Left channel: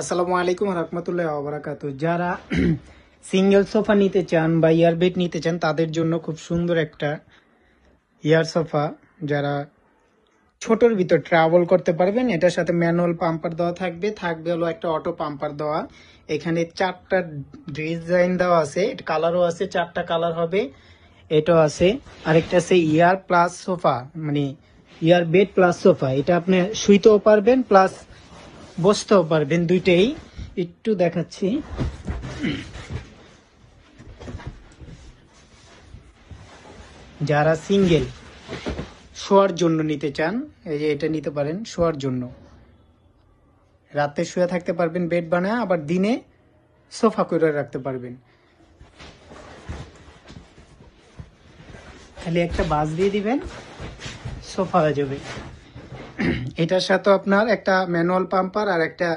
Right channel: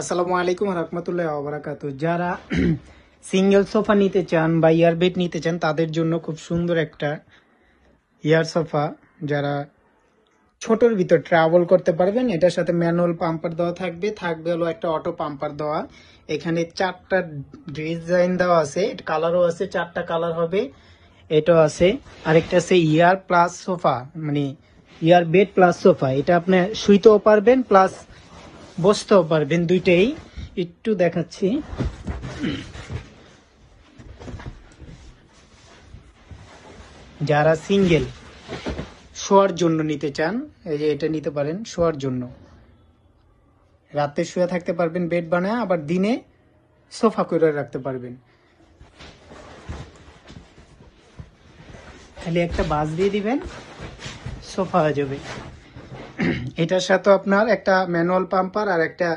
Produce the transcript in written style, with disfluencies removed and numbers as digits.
আসসালামু আলাইকুম রহমতুল্লাহ ওয়া যারা সিঙ্গেল সোফা নিতে চান বা ইয়ার বেড নিতে চান তাদের জন্য খুব সুন্দর একটা ইয়ার সোফা, যারা ছোটর ভিতর ট্রাভেল করতে পারবেন। এটার সাথে ম্যানুয়াল পাম্পার দেওয়া থাকবে হলো একটা অটো পাম্পার দেওয়া। এখানে 4টা ডিজাইন দেওয়া আছে, কালারও আছে, 4টা কালার হবে। এটা আছে, আরেকটা আছে ইয়ার প্লাস সোফা, মানে ইয়ার বেড প্লাস সোফা। এটা আপনি শুইতেও পারবেন প্লাস বসতেও পারবেন, দুইটাই। একটু দেখাচ্ছি। যারা সিঙ্গেল শোয়ার জন্য নিতে চান, এই যে এটা নিতে পারেন শোয়ার জন্য। রাতে শুয়ে থাকতে পারবেন বেড বানায়, আবার দিনে সোফা করে রাখতে পারবেন। খালি একটা বাস দিয়ে দিবেন, সোফা হয়ে যাবে। এটার সাথে আপনার একটা ম্যানুয়াল পাম্পার আর একটা